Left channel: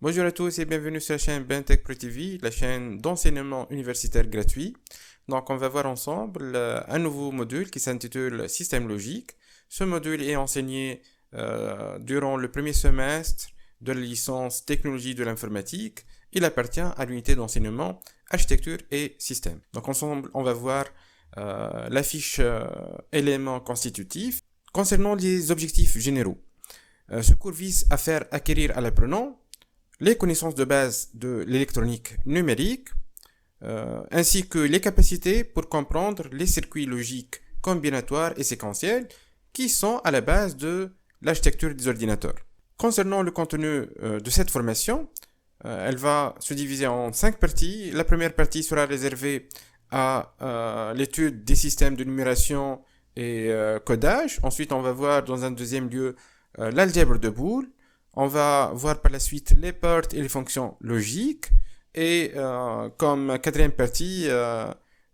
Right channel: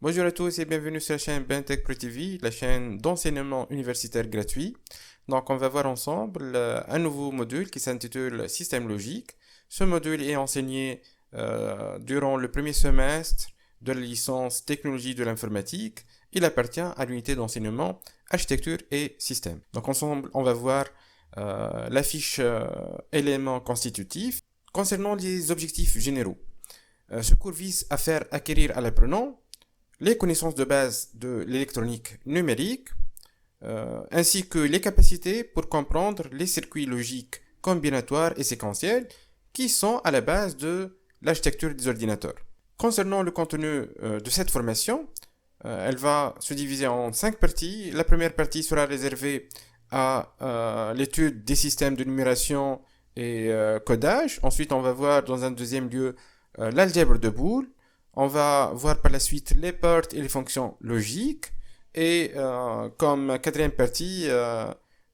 Bonjour à tous et bienvenue sur la chaîne BenTech Pro TV, la chaîne d'enseignement universitaire gratuit. Donc, on va voir ensemble un nouveau module qui s'intitule Système logique. Ce module est enseigné durant le premier semestre de la licence Technologie de l'informatique. Il appartient à l'unité d'enseignement Architecture et Système. Donc, ensemble, on va voir la fiche éléments constitutifs concernant les objectifs généraux. Ce cours vise à faire acquérir à l'apprenant les connaissances de base de l'électronique numérique, ainsi que les capacités pour comprendre les circuits logiques combinatoires et séquentiels qui sont à la base de l'architecture des ordinateurs. Concernant le contenu de cette formation, elle va se diviser en 5 parties. La première partie sera réservée à l'étude des systèmes de numération et codage. Ensuite, on va voir dans un deuxième lieu l'algèbre de Boole. On va voir par la suite les ports et les fonctions logiques. Et comme quatrième partie,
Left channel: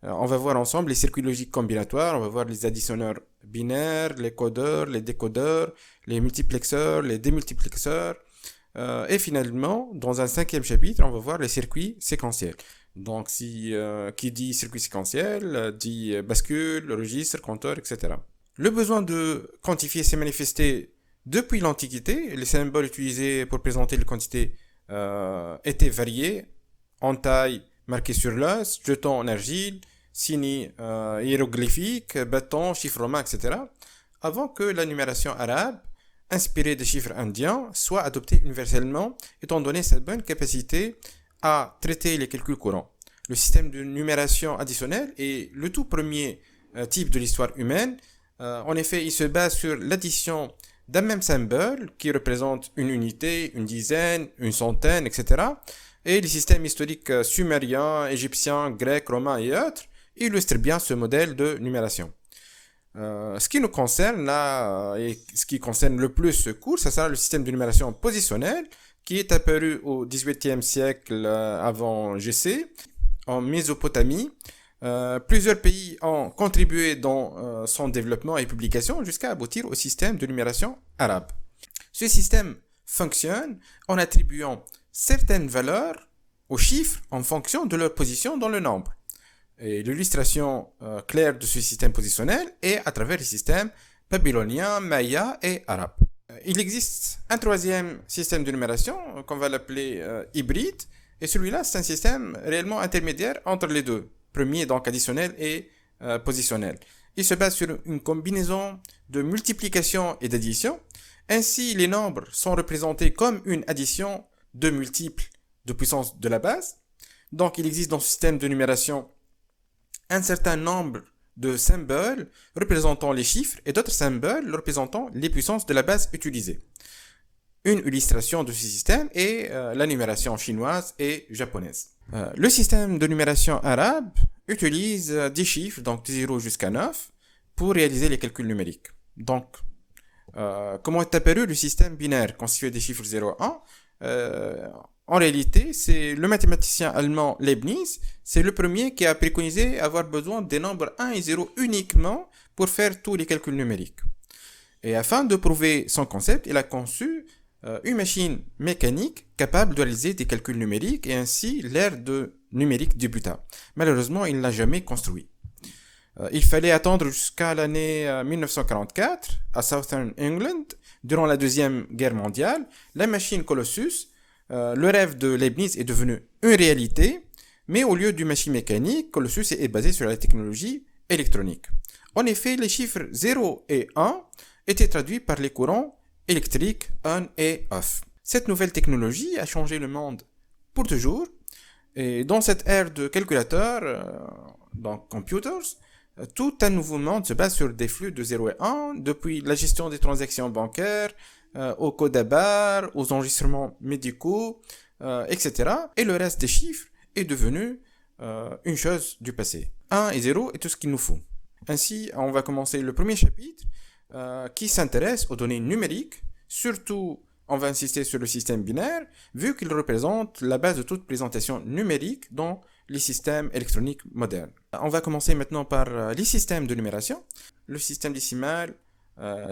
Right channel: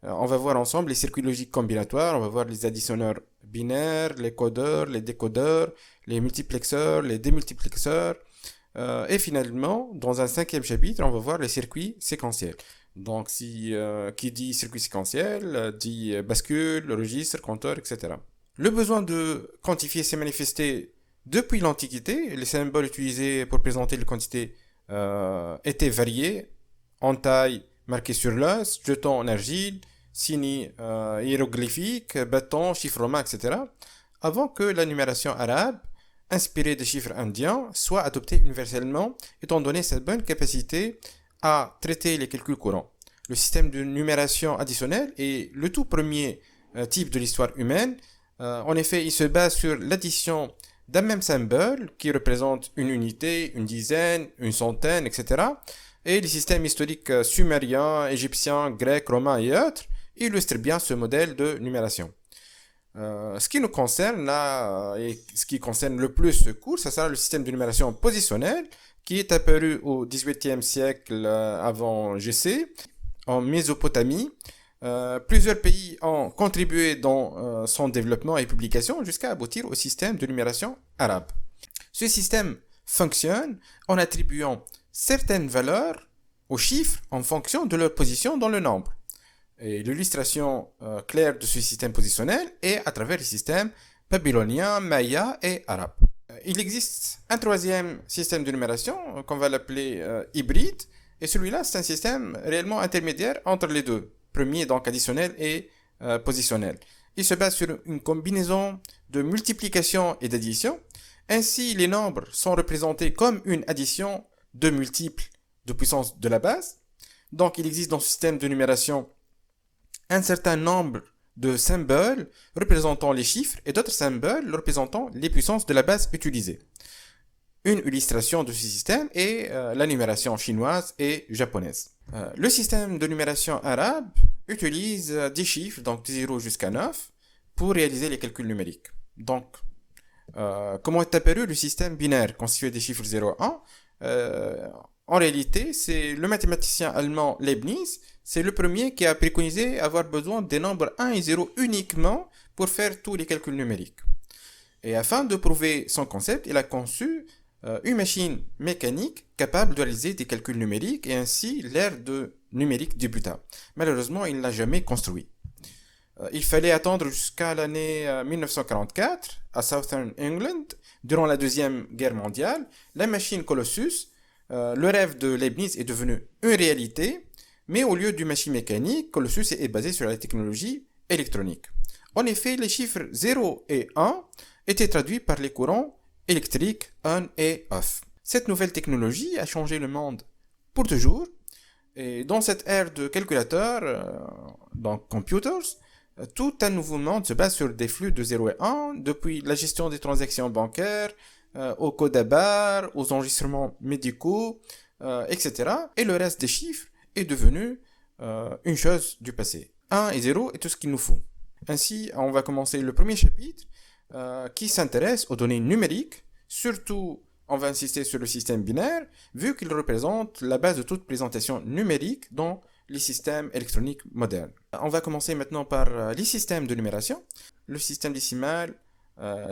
on va voir ensemble les circuits logiques combinatoires. On va voir les additionneurs binaires, les codeurs, les décodeurs, les multiplexeurs, les démultiplexeurs. Et finalement, dans un cinquième chapitre, on va voir les circuits séquentiels. Donc, qui dit circuit séquentiel, dit bascule, registre, compteur, etc. Le besoin de quantifier s'est manifesté depuis l'Antiquité. Les symboles utilisés pour présenter les quantités étaient variés, en taille marquée sur l'os, jetons en argile, signes hiéroglyphiques, bâtons, chiffres romains, etc. Avant que la numération arabe, inspirée des chiffres indiens, soit adoptée universellement, étant donné sa bonne capacité à traiter les calculs courants. Le système de numération additionnelle est le tout premier type de l'histoire humaine. En effet, il se base sur l'addition d'un même symbole qui représente une unité, une dizaine, une centaine, etc. Et les systèmes historiques sumériens, égyptiens, grecs, romains et autres illustrent bien ce modèle de numération. Ce qui nous concerne là, et ce qui concerne le plus ce cours, ça sera le système de numération positionnelle qui est apparu au XVIIIe siècle avant GC, en Mésopotamie. Plusieurs pays ont contribué dans son développement et publication jusqu'à aboutir au système de numération arabe. Ce système fonctionne en attribuant certaines valeurs aux chiffres en fonction de leur position dans le nombre. Et l'illustration claire de ce système positionnel est à travers les systèmes babyloniens, mayas et arabes. Il existe un troisième système de numération qu'on va l'appeler hybride, et celui-là c'est un système réellement intermédiaire entre les deux. Premier, donc additionnel et positionnel. Il se base sur une combinaison de multiplication et d'addition. Ainsi, les nombres sont représentés comme une addition de multiples de puissance de la base. Donc, il existe dans ce système de numération un certain nombre de symboles représentant les chiffres et d'autres symboles représentant les puissances de la base utilisée. Une illustration de ce système est la numération chinoise et japonaise. Le système de numération arabe utilise des chiffres, donc de 0 jusqu'à 9, pour réaliser les calculs numériques. Donc, comment est apparu le système binaire constitué des chiffres 0 et 1 En réalité, c'est le mathématicien allemand Leibniz, c'est le premier qui a préconisé avoir besoin des nombres 1 et 0 uniquement pour faire tous les calculs numériques. Et afin de prouver son concept, il a conçu une machine mécanique capable de réaliser des calculs numériques et ainsi l'ère de numérique débuta. Malheureusement, il ne l'a jamais construit. Il fallait attendre jusqu'à l'année 1944 à Southern England, durant la Deuxième Guerre mondiale, la machine Colossus, le rêve de Leibniz est devenu une réalité, mais au lieu d'une machine mécanique, Colossus est basé sur la technologie électronique. En effet, les chiffres 0 et 1 étaient traduits par les courants électrique on et off. Cette nouvelle technologie a changé le monde pour toujours. Et dans cette ère de calculateurs, donc computers, tout un nouveau monde se base sur des flux de 0 et 1, depuis la gestion des transactions bancaires, au code à barres, aux enregistrements médicaux, etc. Et le reste des chiffres est devenu une chose du passé. 1 et 0 est tout ce qu'il nous faut. Ainsi, on va commencer le premier chapitre qui s'intéresse aux données numériques. Surtout, on va insister sur le système binaire, vu qu'il représente la base de toute présentation numérique dans les systèmes électroniques modernes. On va commencer maintenant par les systèmes de numération. Le système décimal,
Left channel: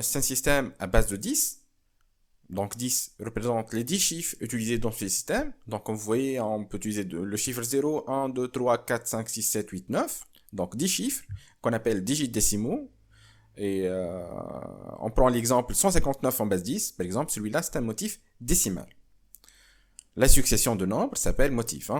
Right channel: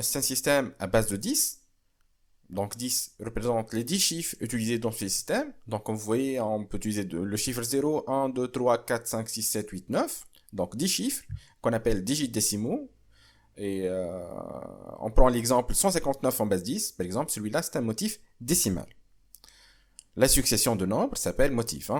c'est un système à base de 10. Donc 10 représente les 10 chiffres utilisés dans ce système. Donc comme vous voyez, on peut utiliser le chiffre 0, 1, 2, 3, 4, 5, 6, 7, 8, 9. Donc 10 chiffres qu'on appelle digits décimaux. Et on prend l'exemple 159 en base 10. Par exemple, celui-là, c'est un motif décimal. La succession de nombres s'appelle motif.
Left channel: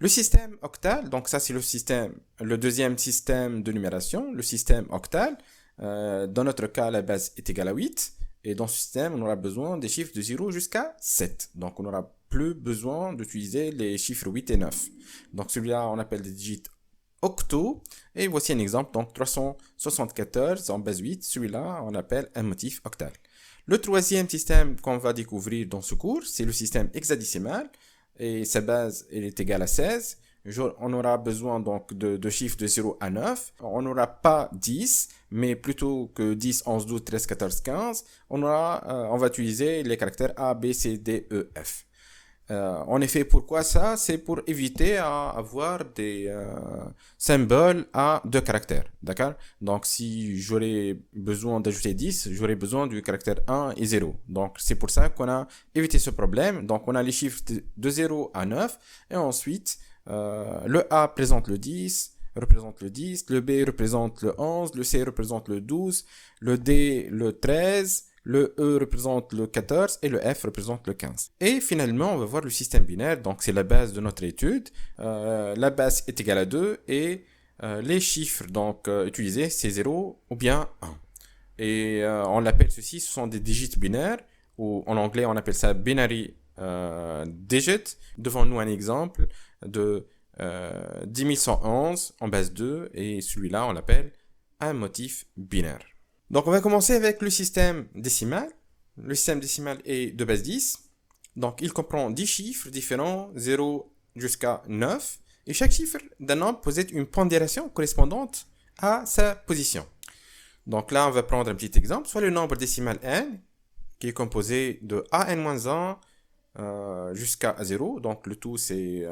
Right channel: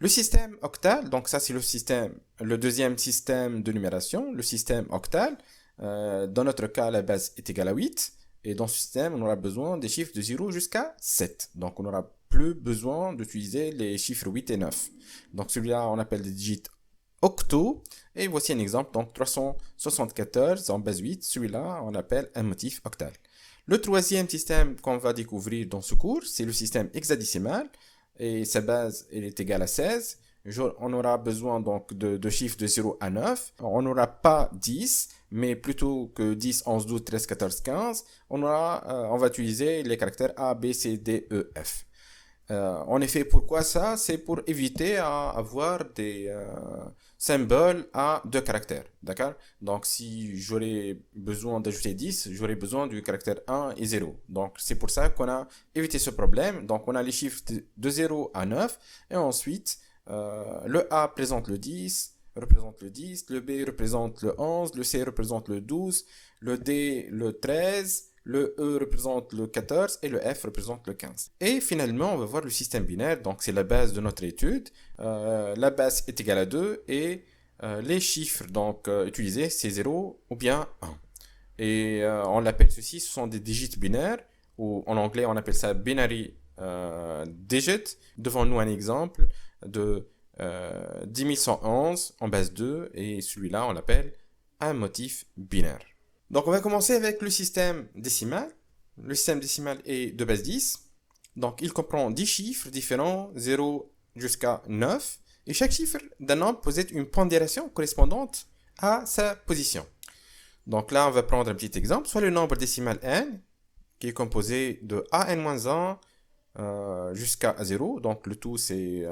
Le système octal, donc ça c'est le deuxième système de numération, le système octal. Dans notre cas, la base est égale à 8. Et dans ce système, on aura besoin des chiffres de 0 jusqu'à 7. Donc on n'aura plus besoin d'utiliser les chiffres 8 et 9. Donc celui-là, on appelle des digits octaux. Et voici un exemple, donc 374 en base 8. Celui-là, on appelle un motif octal. Le troisième système qu'on va découvrir dans ce cours, c'est le système hexadécimal. Et sa base elle est égale à 16. On aura besoin donc de chiffres de 0 à 9. On n'aura pas 10, mais plutôt que 10, 11, 12, 13, 14, 15, on va utiliser les caractères A, B, C, D, E, F. En effet, pourquoi ça? C'est pour éviter à avoir des symboles à deux caractères, d'accord? Donc, si j'aurais besoin d'ajouter 10, j'aurais besoin du caractère 1 et 0. Donc, c'est pour ça qu'on a évité ce problème. Donc, on a les chiffres de 0 à 9, et ensuite, le A représente le 10, le B représente le 11, le C représente le 12, le D le 13, le E représente le 14 et le F représente le 15. Et finalement, on va voir le système binaire, donc c'est la base de notre étude. La base est égale à 2 et les chiffres donc utilisés, c'est 0 ou bien 1. Et on l'appelle ceci, ce sont des digits binaires, ou en anglais on appelle ça binary digit. Devant nous un exemple de 10111 en base 2 et celui-là on l'appelle un motif binaire. Donc on va commencer avec le système décimal. Le système décimal est de base 10. Donc il comprend 10 chiffres différents, 0 jusqu'à 9. Et chaque chiffre d'un nombre possède une pondération correspondante à sa position. Donc là on va prendre un petit exemple, soit le nombre décimal n, qui est composé de an-1 jusqu'à 0, donc le tout c'est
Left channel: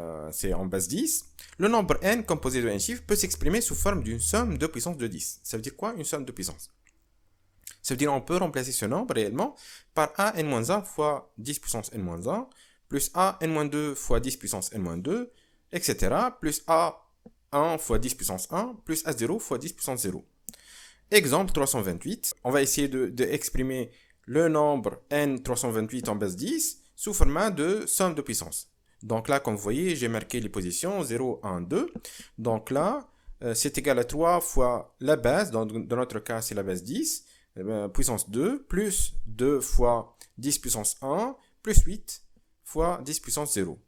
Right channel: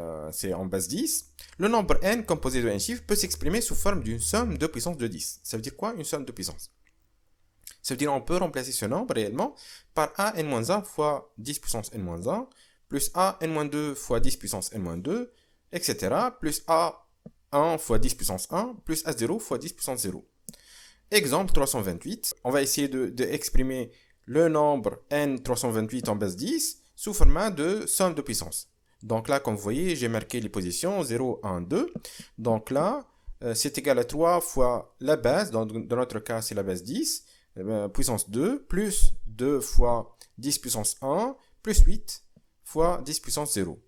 en base 10. Le nombre n composé de n chiffres peut s'exprimer sous forme d'une somme de puissance de 10. Ça veut dire quoi une somme de puissance? Ça veut dire qu'on peut remplacer ce nombre réellement par an-1 fois 10 puissance n-1, plus an-2 fois 10 puissance n-2, etc. plus a1 fois 10 puissance 1, plus a0 fois 10 puissance 0. Exemple 328, on va essayer d'exprimer le nombre n328 en base 10 sous format de somme de puissance. Donc là, comme vous voyez, j'ai marqué les positions 0, 1, 2. Donc là, c'est égal à 3 fois la base, dans notre cas, c'est la base 10, puissance 2, plus 2 fois 10 puissance 1, plus 8 fois 10 puissance 0.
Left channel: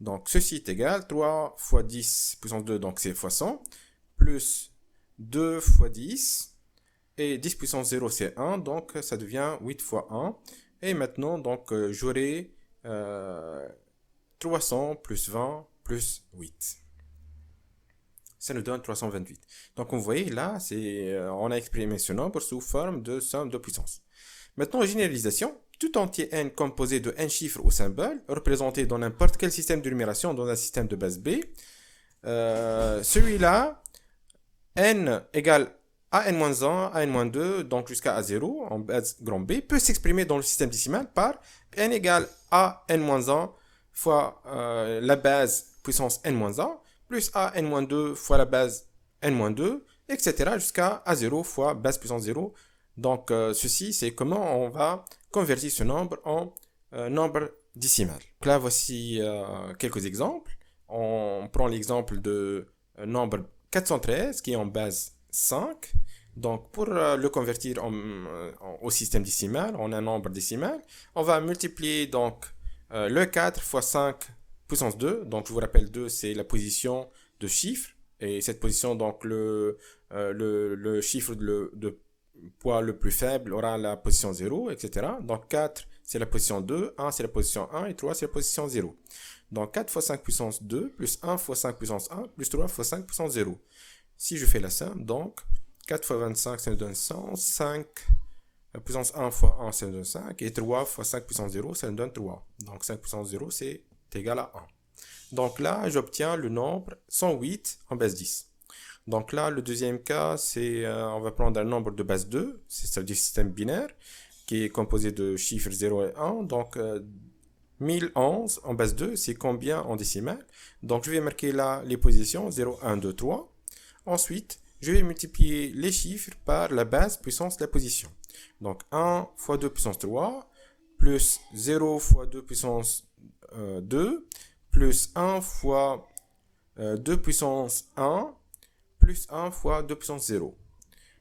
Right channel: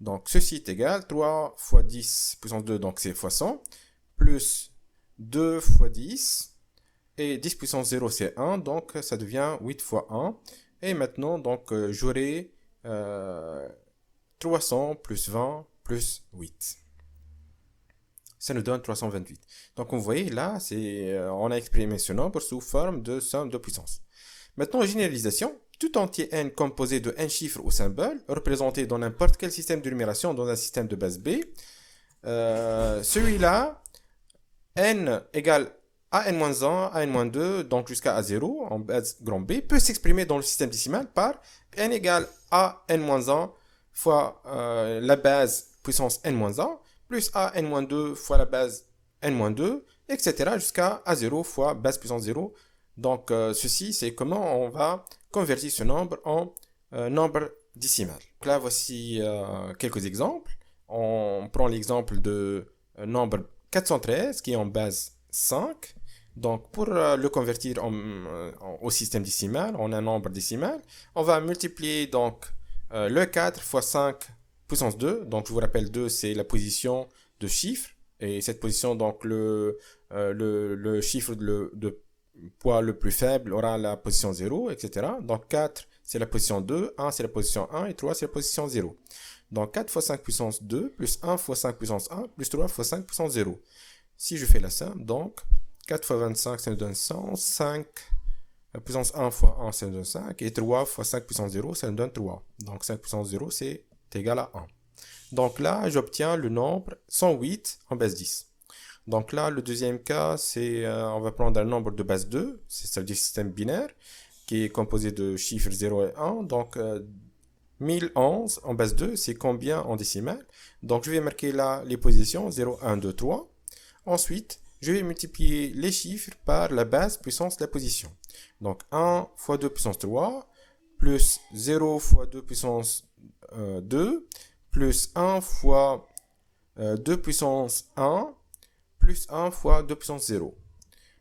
Donc, ceci est égal 3 fois 10 puissance 2, donc c'est fois 100, plus 2 fois 10, et 10 puissance 0, c'est 1, donc ça devient 8 fois 1. Et maintenant, donc, j'aurai 300 plus 20 plus 8. Ça nous donne 328. Donc, vous voyez, là, on a exprimé ce nombre sous forme de somme de puissance. Maintenant, généralisation. Tout entier n composé de n chiffres ou symboles, représenté dans n'importe quel système de numération dans un système de base B. Celui-là, n égale a n-1, a n-2, donc jusqu'à a0 en base grand B, peut s'exprimer dans le système décimal par n égale a n-1 fois la base puissance n-1, plus a n-2 fois la base n-2, etc. jusqu'à a0 fois base puissance 0. Donc, ceci, c'est comment on va convertir ce nombre en nombre décimal. Donc là, voici quelques exemples. On prend l'exemple de nombre 413 qui est en base 5. Donc, pour le convertir au système décimal, en un nombre décimal, on va multiplier donc le 4 fois 5 puissance 2. Donc, je vous rappelle, 2, c'est la position de chiffre. Et cette position, donc, le chiffre de poids le plus faible aura la position 0, etc. Donc 4, c'est la position 2, 1, c'est la position 1, et 3, c'est la position 0. Donc 4 fois 5 puissance 2, plus 1 fois 5 puissance 1, plus 3 fois 5 puissance 0. Si je fais la somme, donc 4 fois 25, ça nous donne 100, 5, la puissance 1 fois 1, ça nous donne 5, et 3 fois 5 puissance 0, ça nous donne 3. Donc 5 puissance 0, c'est est égal à 1. Donc là, j'obtiens le nombre 108 en base 10. Donc là, le deuxième cas, c'est on va prendre un nombre de base 2, c'est-à-dire système binaire, qui est composé de chiffres 0 et 1. Donc 1011 en base 2, c'est combien en décimale? Donc je vais marquer là les positions 0, 1, 2, 3. Ensuite, je vais multiplier les chiffres par la base puissance de la position. Donc 1 fois 2 puissance 3, plus 0 fois 2 puissance 2, plus 1 fois 2 puissance 1, plus 1 fois 2 puissance 0.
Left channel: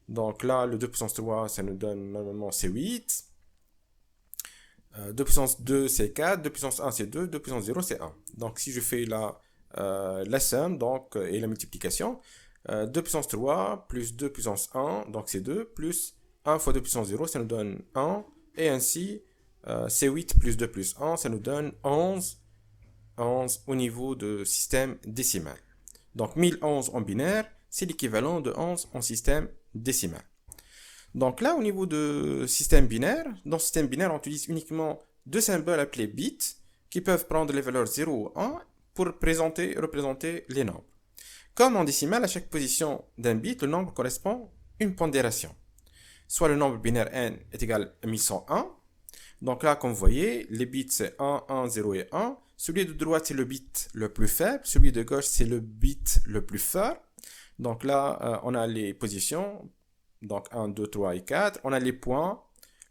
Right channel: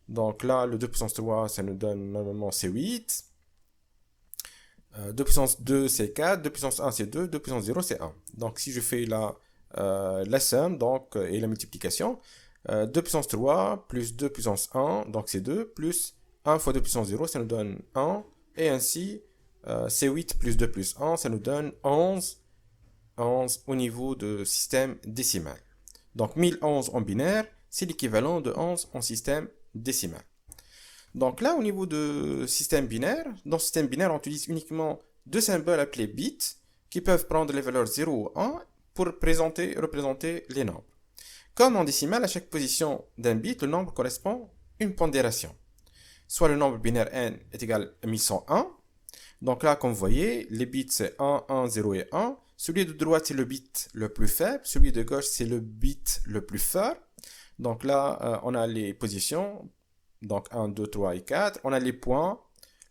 Donc là, le 2 puissance 3, ça nous donne normalement c'est 8. 2 puissance 2, c'est 4. 2 puissance 1, c'est 2. 2 puissance 0, c'est 1. Donc si je fais la somme donc, et la multiplication, 2 puissance 3 plus 2 puissance 1, donc c'est 2, plus 1 fois 2 puissance 0, ça nous donne 1. Et ainsi, c'est 8 plus 2 plus 1, ça nous donne 11. 11 au niveau de système décimal. Donc 1011 en binaire, c'est l'équivalent de 11 en système décimal. Donc là, au niveau de système binaire, dans le système binaire, on utilise uniquement deux symboles appelés bits qui peuvent prendre les valeurs 0 ou 1 pour représenter les nombres. Comme en décimal, à chaque position d'un bit, le nombre correspond à une pondération. Soit le nombre binaire n est égal à 1101. Donc là, comme vous voyez, les bits c'est 1, 1, 0 et 1. Celui de droite, c'est le bit le plus faible. Celui de gauche, c'est le bit le plus fort. Donc là, on a les positions. Donc 1, 2, 3 et 4. On a les points.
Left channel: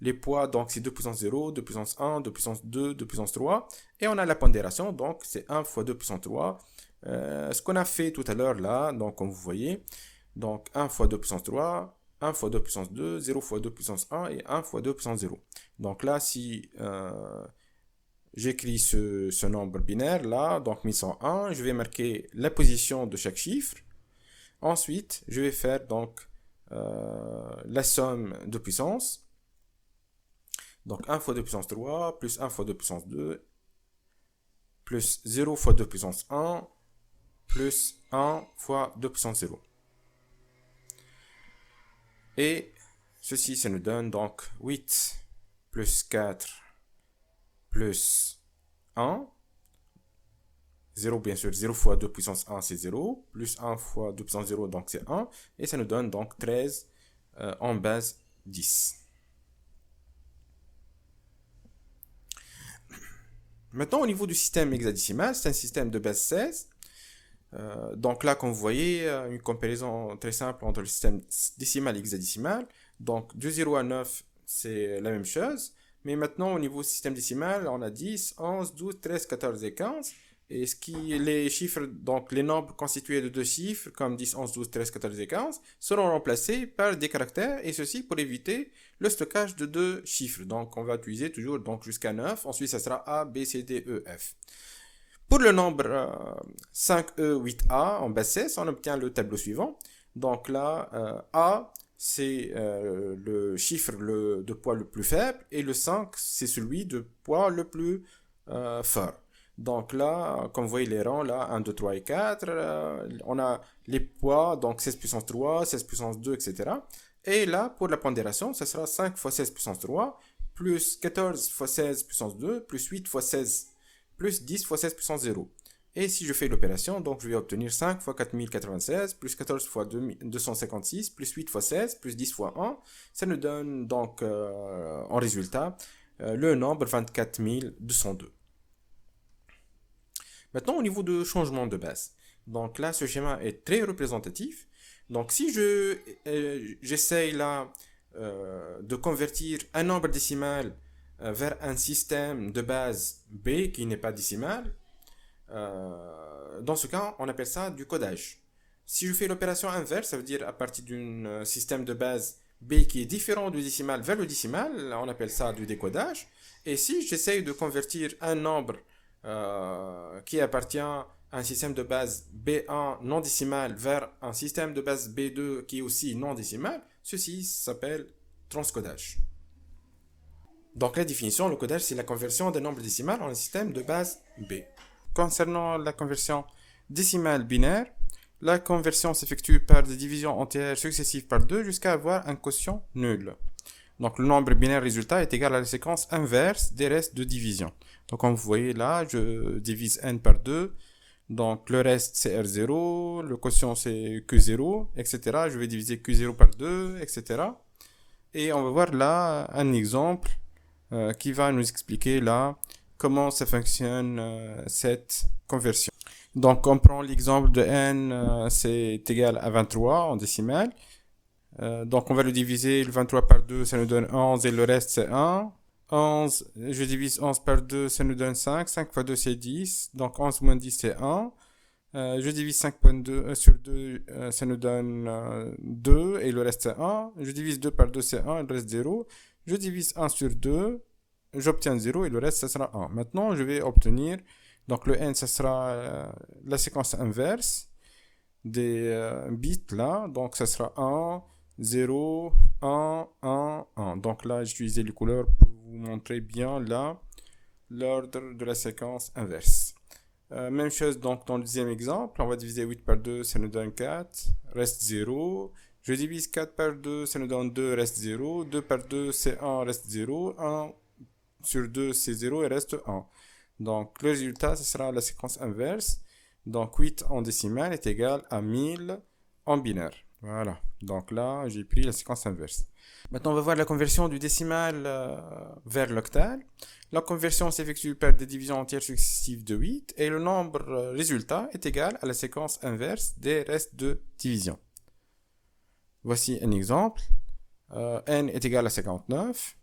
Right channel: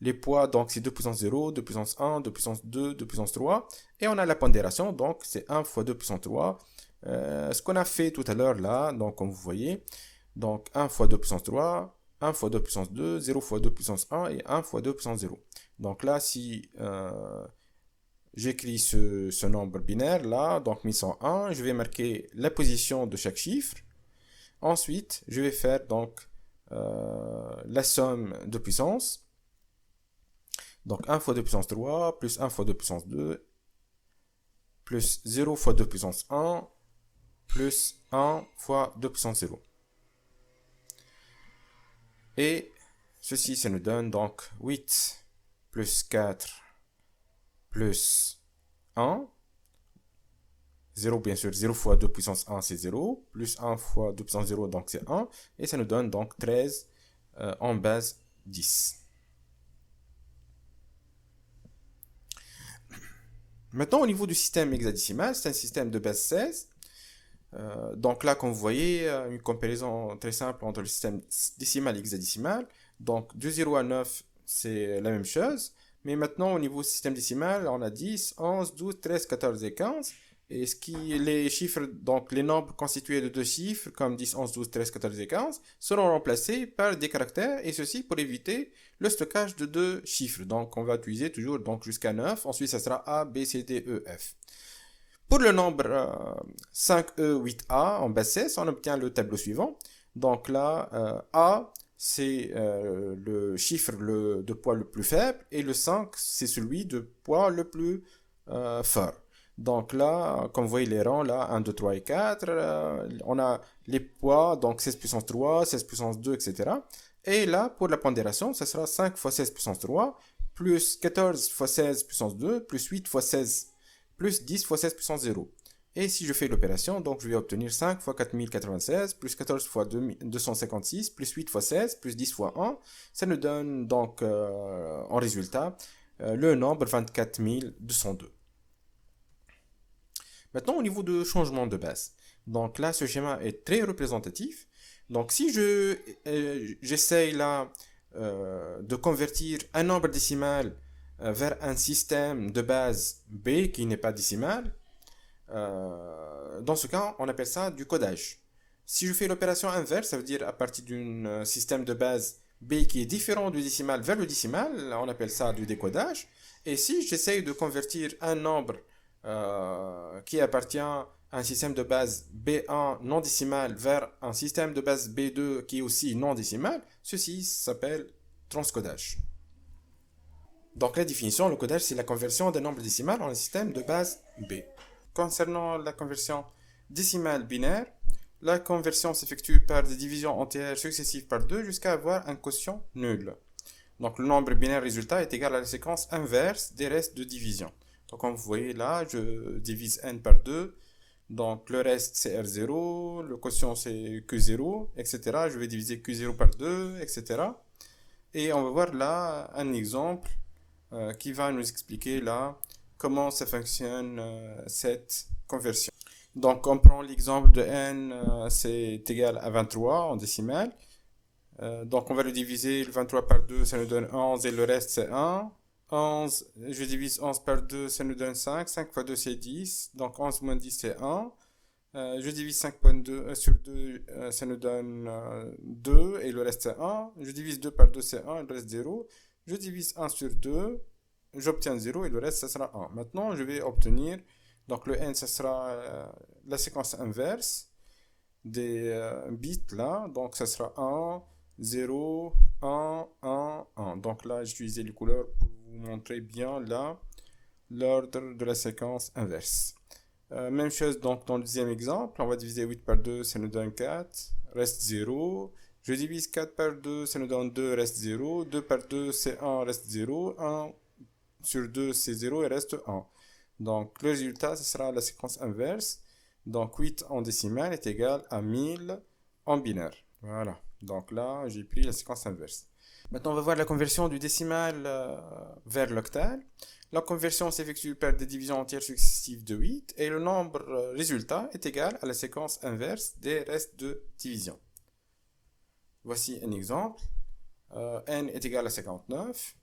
Les poids, donc c'est 2 puissance 0, 2 puissance 1, 2 puissance 2, 2 puissance 3. Et on a la pondération, donc c'est 1 fois 2 puissance 3. Ce qu'on a fait tout à l'heure là, donc comme vous voyez. Donc 1 fois 2 puissance 3, 1 fois 2 puissance 2, 0 fois 2 puissance 1 et 1 fois 2 puissance 0. Donc là, si j'écris ce nombre binaire là, donc 1101, je vais marquer la position de chaque chiffre. Ensuite, je vais faire donc la somme de puissance. Donc 1 fois 2 puissance 3, plus 1 fois 2 puissance 2, plus 0 fois 2 puissance 1, plus 1 fois 2 puissance 0. Et ceci, ça nous donne donc 8 plus 4 plus 1. 0, bien sûr, 0 fois 2 puissance 1, c'est 0. Plus 1 fois 2 puissance 0, donc c'est 1. Et ça nous donne donc 13 en base 10. Maintenant, au niveau du système hexadécimal, c'est un système de base 16. Donc là, comme vous voyez, une comparaison très simple entre le système décimal et hexadécimal. Donc, de 0 à 9, c'est la même chose. Mais maintenant, au niveau système décimal, on a 10, 11, 12, 13, 14 et 15. Et les chiffres, donc les nombres constitués de deux chiffres, comme 10, 11, 12, 13, 14 et 15, seront remplacés par des caractères, et ceci pour éviter le stockage de deux chiffres. Donc, on va utiliser toujours jusqu'à 9. Ensuite, ça sera A, B, C, D, E, F. Pour le nombre 5E, 8A en base 16, on obtient le tableau suivant. Donc là, A, c'est le chiffre de poids le plus faible, et le 5, c'est celui de poids le plus fort. Donc là, comme vous voyez les rangs, là, 1, 2, 3 et 4, on a les poids, donc 16 puissance 3, 16 puissance 2, etc. Et là, pour la pondération, ça sera 5 fois 16 puissance 3, plus 14 fois 16 puissance 2, plus 8 fois 16, plus 10 fois 16 puissance 0. Et si je fais l'opération, donc je vais obtenir 5 fois 4096, plus 14 fois 256, plus 8 fois 16, plus 10 fois 1. Ça nous donne donc en résultat le nombre 24202. Maintenant, au niveau de changement de base. Donc là, ce schéma est très représentatif. Donc si j'essaye là de convertir un nombre décimal vers un système de base B qui n'est pas décimal, dans ce cas, on appelle ça du codage. Si je fais l'opération inverse, ça veut dire à partir d'un système de base B qui est différent du décimal vers le décimal, on appelle ça du décodage. Et si j'essaye de convertir un nombre qui appartient à un système de base B1 non décimal vers un système de base B2 qui est aussi non décimal, ceci s'appelle transcodage. Donc la définition, le codage, c'est la conversion d'un nombre décimal en un système de base B. Concernant la conversion décimale binaire, la conversion s'effectue par des divisions entières successives par 2 jusqu'à avoir un quotient nul. Donc le nombre binaire résultat est égal à la séquence inverse des restes de division. Donc comme vous voyez là, je divise n par 2. Donc le reste c'est R0, le quotient c'est Q0, etc. Je vais diviser Q0 par 2, etc. Et on va voir là un exemple qui va nous expliquer là comment ça fonctionne cette conversion. Donc on prend l'exemple de n, c'est égal à 23 en décimale. Donc on va le diviser, le 23 par 2, ça nous donne 11 et le reste c'est 1. 11, je divise 11 par 2, ça nous donne 5. 5 fois 2 c'est 10, donc 11 moins 10 c'est 1. Je divise 5.2 sur 2, ça nous donne 2 et le reste c'est 1. Je divise 2 par 2 c'est 1 et le reste 0. Je divise 1 sur 2, j'obtiens 0 et le reste ça sera 1. Maintenant je vais obtenir, donc le n ça sera la séquence inverse des bits là, donc ça sera 1, 0, 1, 1, 1. Donc là j'ai utilisé les couleurs pour vous montrer bien là l'ordre de la séquence inverse. Même chose donc dans le deuxième exemple, on va diviser 8 par 2, ça nous donne 4, reste 0. Je divise 4 par 2, ça nous donne 2, reste 0. 2 par 2, c'est 1, reste 0. 1 sur 2, c'est 0 et reste 1. Donc le résultat, ce sera la séquence inverse. Donc 8 en décimale est égal à 1000 en binaire. Voilà, donc là, j'ai pris la séquence inverse. Maintenant, on va voir la conversion du décimal vers l'octal. La conversion s'effectue par des divisions entières successives de 8 et le nombre résultat est égal à la séquence inverse des restes de division. Voici un exemple. N est égal à 59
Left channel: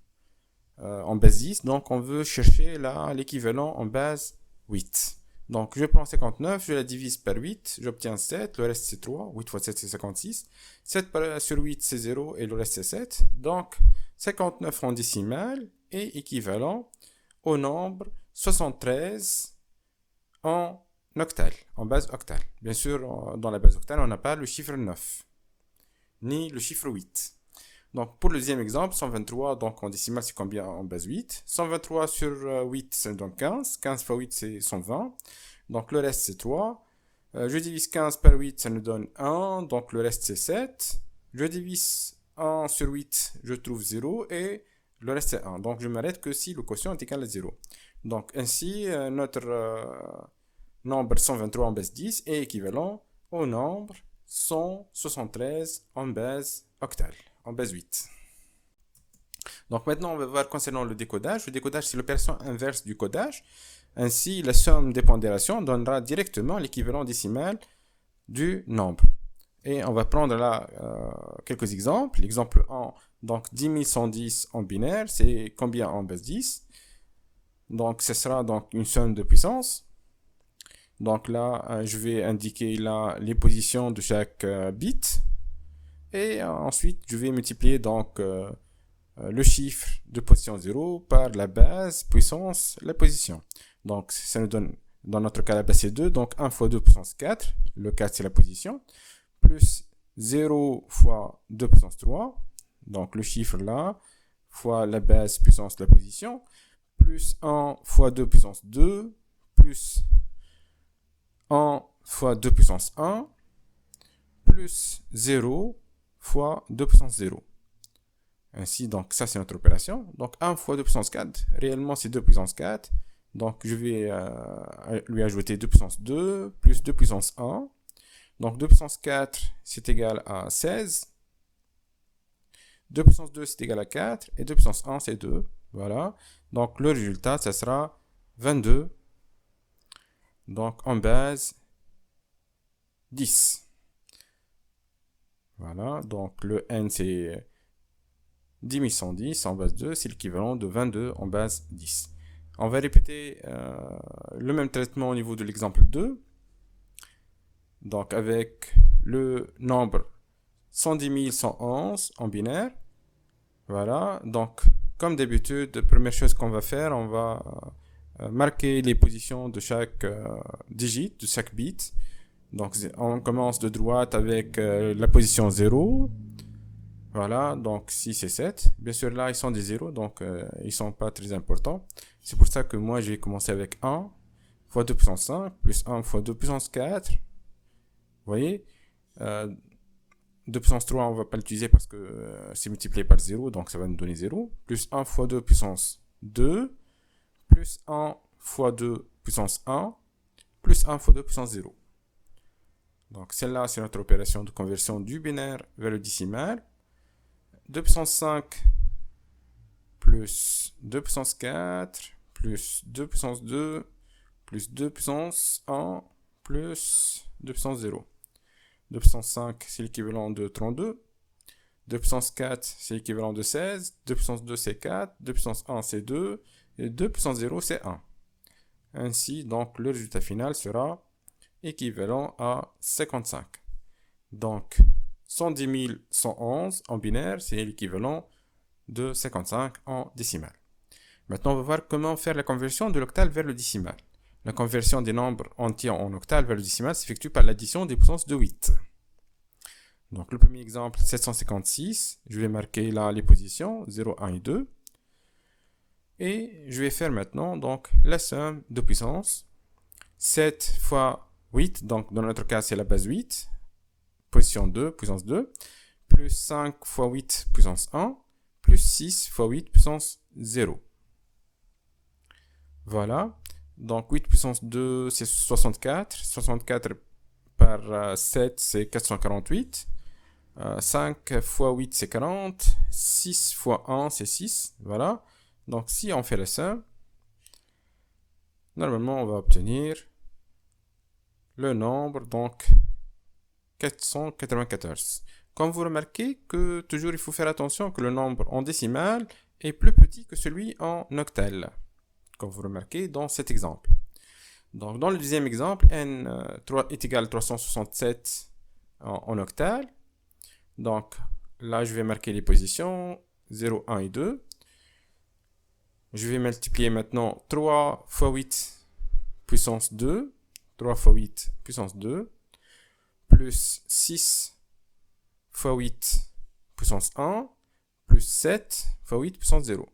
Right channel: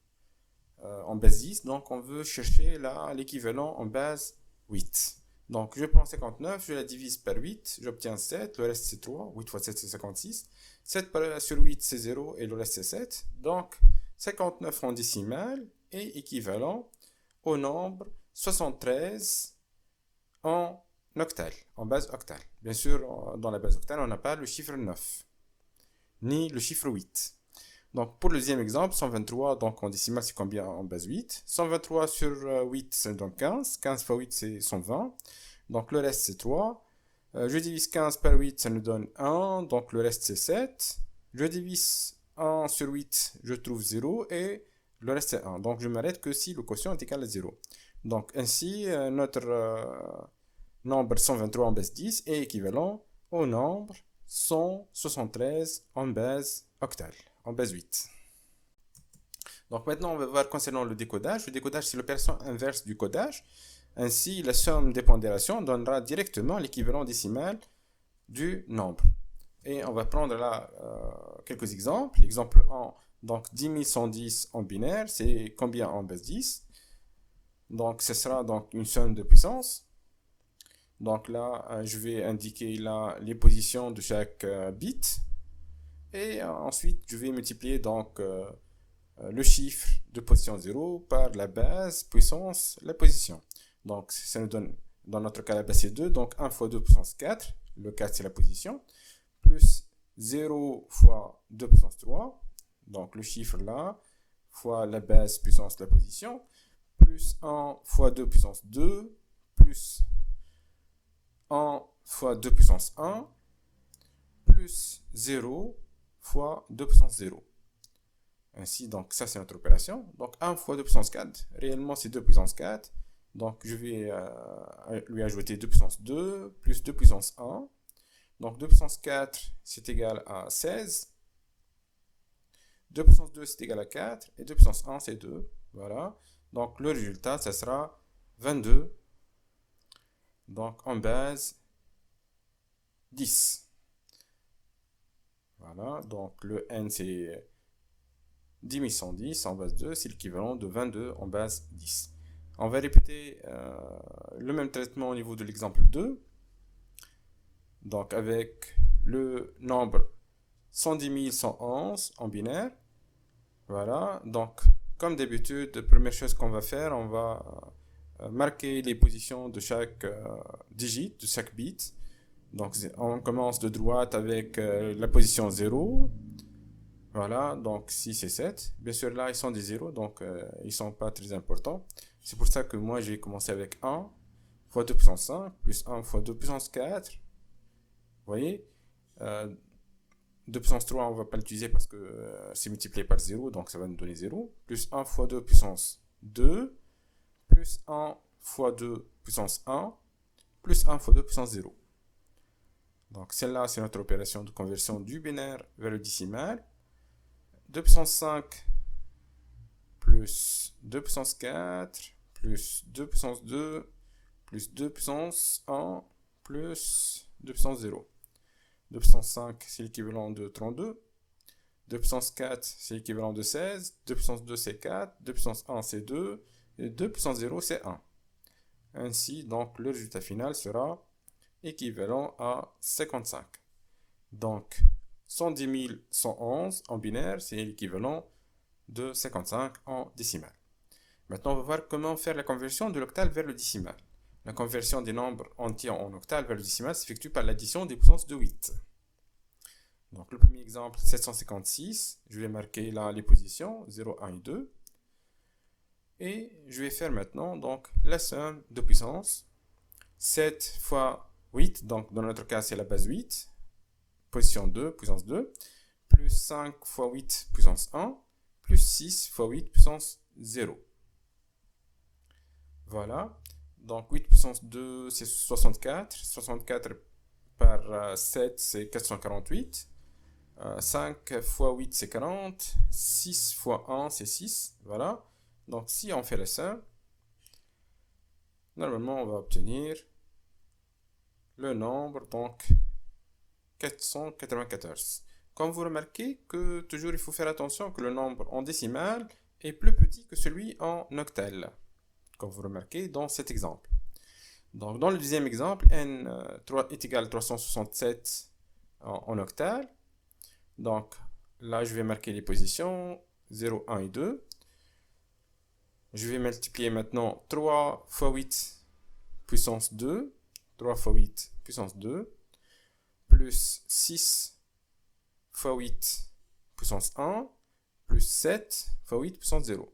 en base 10, donc on veut chercher l'équivalent en base 8. Donc je prends 59, je la divise par 8, j'obtiens 7, le reste c'est 3, 8 fois 7 c'est 56, 7 sur 8 c'est 0 et le reste c'est 7, donc 59 en décimale est équivalent au nombre 73 en octal, en base octale. Bien sûr, dans la base octale, on n'a pas le chiffre 9, ni le chiffre 8. Donc pour le deuxième exemple, 123, donc en décimale c'est combien en base 8? 123 sur 8, ça donne 15. 15 fois 8, c'est 120. Donc le reste c'est 3. Je divise 15 par 8, ça nous donne 1. Donc le reste c'est 7. Je divise 1 sur 8, je trouve 0. Et le reste c'est 1. Donc je m'arrête que si le quotient est égal à 0. Donc ainsi, notre nombre 123 en base 10 est équivalent au nombre 173 en base octale, en base 8. Donc maintenant, on va voir concernant le décodage. Le décodage, c'est l'opération inverse du codage. Ainsi, la somme des pondérations donnera directement l'équivalent décimal du nombre. Et on va prendre là quelques exemples. L'exemple 1, donc 10 110 en binaire, c'est combien en base 10? Donc ce sera donc une somme de puissance. Donc là, je vais indiquer là les positions de chaque bit. Et ensuite, je vais multiplier donc le chiffre de position 0 par la base puissance la position. Donc ça nous donne, dans notre cas la base c'est 2, donc 1 fois 2 puissance 4, le 4 c'est la position, plus 0 fois 2 puissance 3, donc le chiffre là, fois la base puissance la position, plus 1 fois 2 puissance 2, plus 1 fois 2 puissance 1, plus 0 fois 2 puissance 0. Ainsi, donc ça c'est notre opération. Donc 1 fois 2 puissance 4, réellement c'est 2 puissance 4. Donc je vais lui ajouter 2 puissance 2 plus 2 puissance 1. Donc 2 puissance 4 c'est égal à 16. 2 puissance 2 c'est égal à 4. Et 2 puissance 1 c'est 2. Voilà. Donc le résultat ça sera 22. Donc en base 10. Voilà. Donc le n c'est 10 110 en base 2, c'est l'équivalent de 22 en base 10. On va répéter le même traitement au niveau de l'exemple 2. Donc avec le nombre 110 111 en binaire. Voilà, donc comme d'habitude, première chose qu'on va faire, on va marquer les positions de chaque digit, de chaque bit. Donc on commence de droite avec la position 0. Voilà, donc 6 et 7. Bien sûr, là, ils sont des 0, donc ils ne sont pas très importants. C'est pour ça que moi, j'ai commencé avec 1 fois 2 puissance 5, plus 1 fois 2 puissance 4. Vous voyez 2 puissance 3, on ne va pas l'utiliser parce que c'est multiplié par 0, donc ça va nous donner 0. Plus 1 fois 2 puissance 2, plus 1 fois 2 puissance 1 plus 1 fois 2 puissance 0. Donc celle-là, c'est notre opération de conversion du binaire vers le décimal. 2 puissance 5 plus 2 puissance 4 plus 2 puissance 2 plus 2 puissance 1 plus 2 puissance 0. 2 puissance 5, c'est l'équivalent de 32. 2 puissance 4, c'est l'équivalent de 16. 2 puissance 2, c'est 4. 2 puissance 1, c'est 2. Et 2 puissance 0, c'est 1. Ainsi, donc, le résultat final sera équivalent à 55. Donc, 110 111 en binaire, c'est l'équivalent de 55 en décimal. Maintenant, on va voir comment faire la conversion de l'octal vers le décimal. La conversion des nombres entiers en octal vers le décimal s'effectue par l'addition des puissances de 8. Donc, le premier exemple, 756. Je vais marquer là les positions, 0, 1 et 2. Et je vais faire maintenant donc, la somme de puissance. 7 fois 8, donc dans notre cas, c'est la base 8. Position 2, puissance 2. Plus 5 fois 8, puissance 1. Plus 6 fois 8, puissance 0. Voilà. Donc 8 puissance 2, c'est 64. 64 par 7, c'est 448. 5 fois 8, c'est 40. 6 fois 1, c'est 6. Voilà. Donc, si on fait la somme, normalement, on va obtenir le nombre, donc 494. Comme vous remarquez que toujours il faut faire attention que le nombre en décimal est plus petit que celui en octal. Comme vous remarquez dans cet exemple. Donc, dans le deuxième exemple, n est égal à 367 en octal. Donc, là, je vais marquer les positions 0, 1 et 2. Je vais multiplier maintenant 3 fois 8 puissance 2. 3 fois 8 puissance 2. Plus 6 fois 8 puissance 1. Plus 7 fois 8 puissance 0.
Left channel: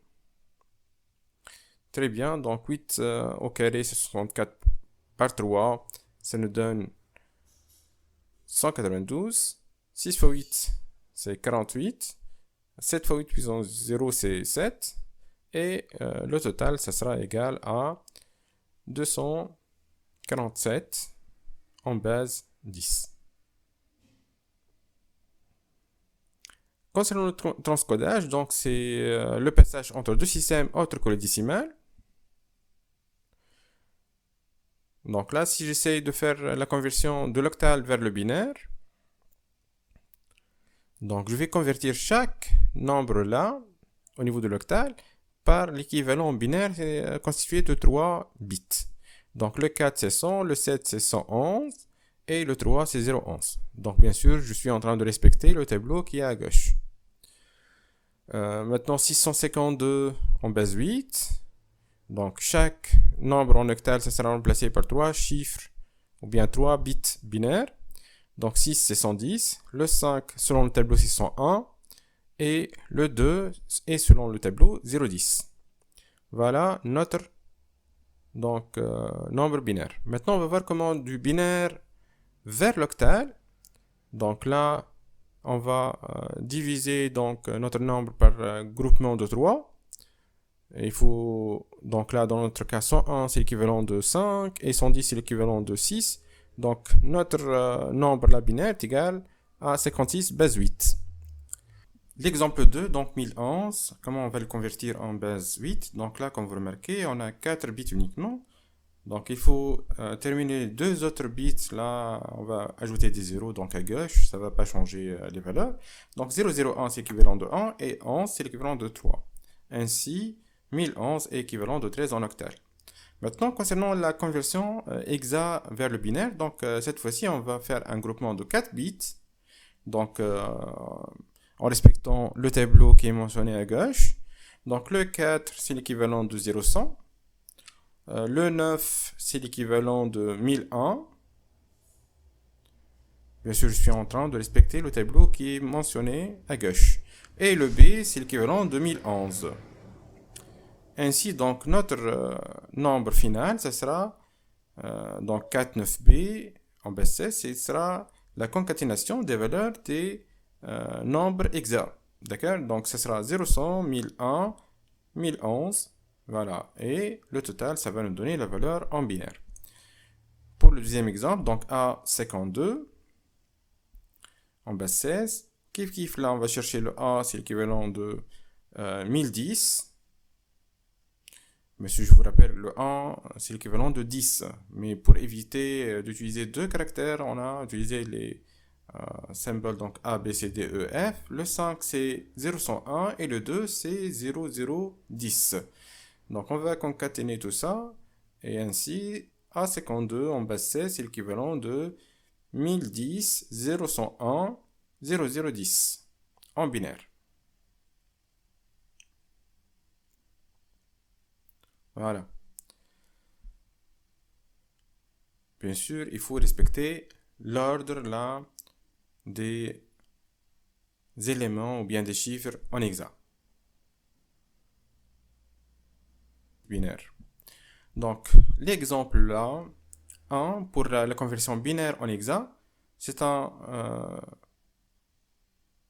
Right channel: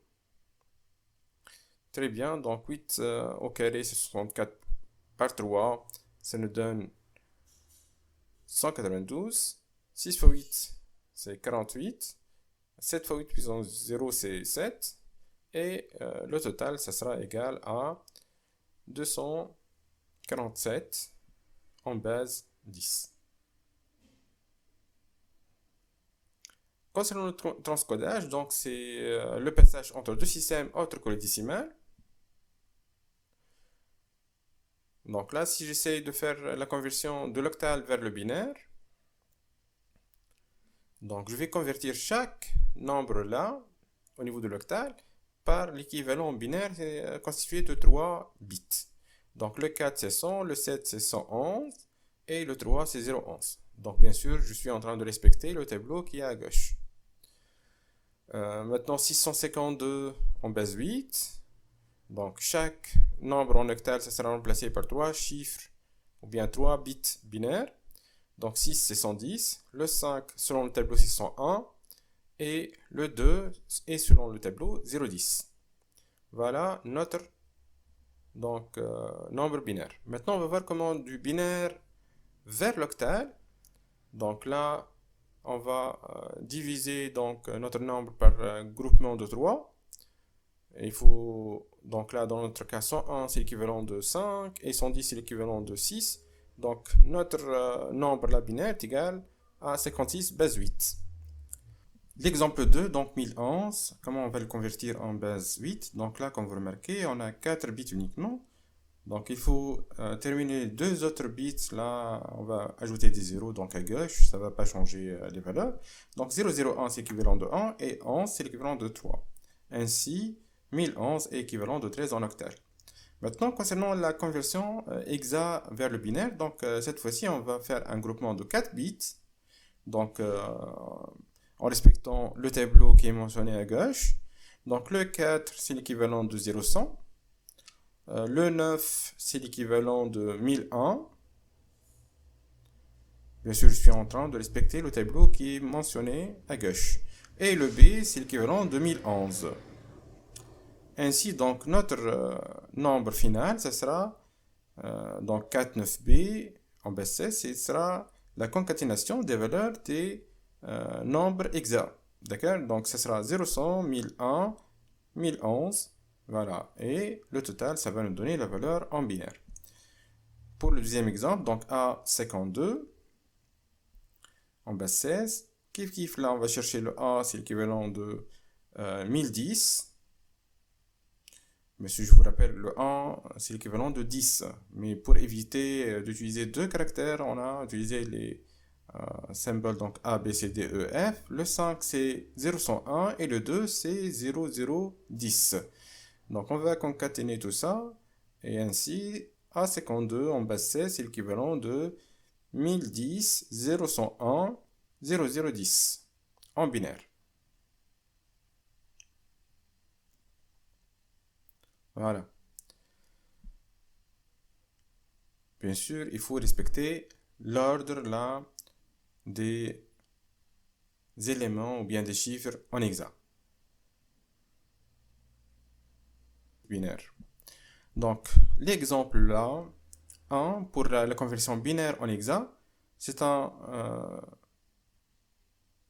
Très bien. Donc 8 au carré, c'est 64 par 3. Ça nous donne 192. 6 fois 8, c'est 48. 7 fois 8 puissance 0, c'est 7. Et le total, ça sera égal à 247 en base 10. Concernant le transcodage, donc c'est le passage entre deux systèmes autres que le décimal. Donc là, si j'essaye de faire la conversion de l'octal vers le binaire, donc je vais convertir chaque nombre là, au niveau de l'octal, par l'équivalent binaire constitué de 3 bits. Donc le 4 c'est 100, le 7 c'est 111 et le 3 c'est 011. Donc bien sûr, je suis en train de respecter le tableau qui est à gauche. Maintenant 652 en base 8. Donc chaque nombre en octal, ça sera remplacé par 3 chiffres ou bien 3 bits binaires. Donc 6 c'est 110, le 5 selon le tableau c'est 101 et le 2 est selon le tableau 010. Voilà notre donc, nombre binaire. Maintenant on va voir comment du binaire vers l'octal. Donc là on va diviser donc, notre nombre par groupement de 3. Il faut, donc là dans notre cas 101 c'est l'équivalent de 5 et 110 c'est l'équivalent de 6. Donc notre nombre là binaire est égal à 56 base 8. L'exemple 2, donc 1011, comment on va le convertir en base 8? Donc là, comme vous remarquez, on a 4 bits uniquement. Donc il faut terminer 2 autres bits. Là, on va ajouter des zéros donc à gauche. Ça ne va pas changer les valeurs. Donc 001 c'est l'équivalent de 1 et 11 c'est l'équivalent de 3. Ainsi, 1011 est équivalent de 13 en octal. Maintenant, concernant la conversion hexa vers le binaire, donc cette fois-ci, on va faire un groupement de 4 bits. Donc, en respectant le tableau qui est mentionné à gauche. Donc, le 4, c'est l'équivalent de 0100. Le 9, c'est l'équivalent de 1001. Bien sûr, je suis en train de respecter le tableau qui est mentionné à gauche. Et le B, c'est l'équivalent de 1011. Ainsi, donc, notre nombre final, ce sera donc 49b en base 16, ce sera la concaténation des valeurs des nombres hexa. D'accord? Donc, ce sera 0100, 1001, 1011 Voilà. Et le total, ça va nous donner la valeur en binaire. Pour le deuxième exemple, donc A52, en base 16. Kiff, là, on va chercher le A, c'est l'équivalent de 1010. Mais si je vous rappelle, le 1, c'est l'équivalent de 10. Mais pour éviter d'utiliser deux caractères, on a utilisé les symboles, donc A, B, C, D, E, F. Le 5, c'est 001 et le 2, c'est 0010. Donc, on va concaténer tout ça. Et ainsi, A52 en base 16, c'est l'équivalent de 1010, 0101, 0010 en binaire. Voilà. Bien sûr, il faut respecter l'ordre là des éléments ou bien des chiffres en hexa. Binaire. Donc, l'exemple là, 1 pour la conversion binaire en hexa, c'est un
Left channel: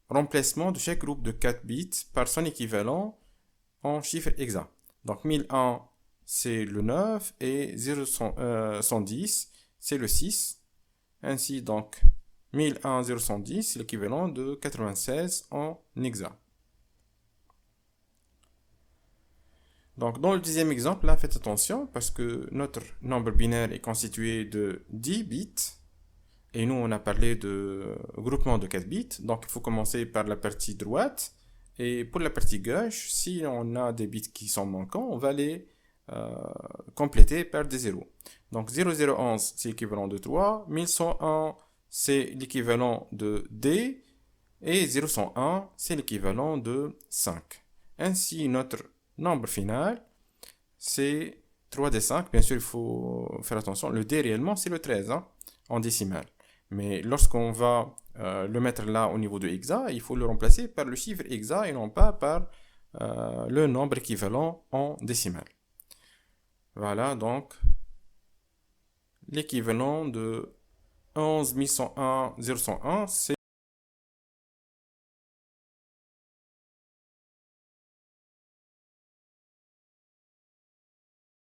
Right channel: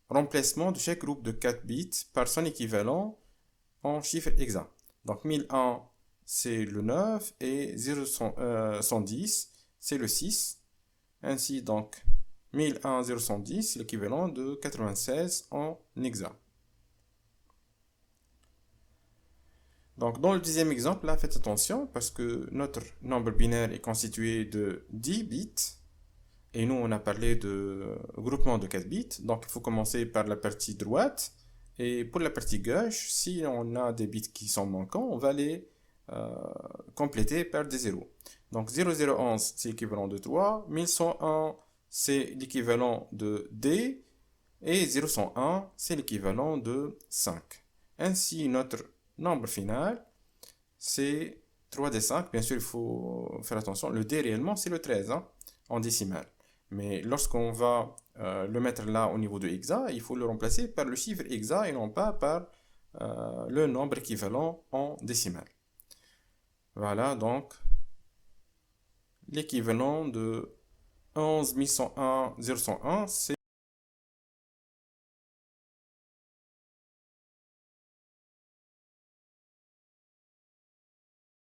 remplacement de chaque groupe de 4 bits par son équivalent en chiffre hexa. Donc 1001, c'est le 9 et 110, c'est le 6. Ainsi, donc, 1001, 0110, c'est l'équivalent de 96 en hexa. Donc, dans le deuxième exemple, là, faites attention parce que notre nombre binaire est constitué de 10 bits. Et nous, on a parlé de groupement de 4 bits. Donc, il faut commencer par la partie droite. Et pour la partie gauche, si on a des bits qui sont manquants, on va les compléter par des zéros. Donc 0011, c'est l'équivalent de 3. 1101, c'est l'équivalent de D. Et 0101, c'est l'équivalent de 5. Ainsi, notre nombre final, c'est 3D5. Bien sûr, il faut faire attention. Le D réellement, c'est le 13 hein, en décimale. Mais lorsqu'on va le mettre là au niveau de hexa, il faut le remplacer par le chiffre hexa et non pas par le nombre équivalent en décimale. Voilà donc l'équivalent de 11 101 001, c'est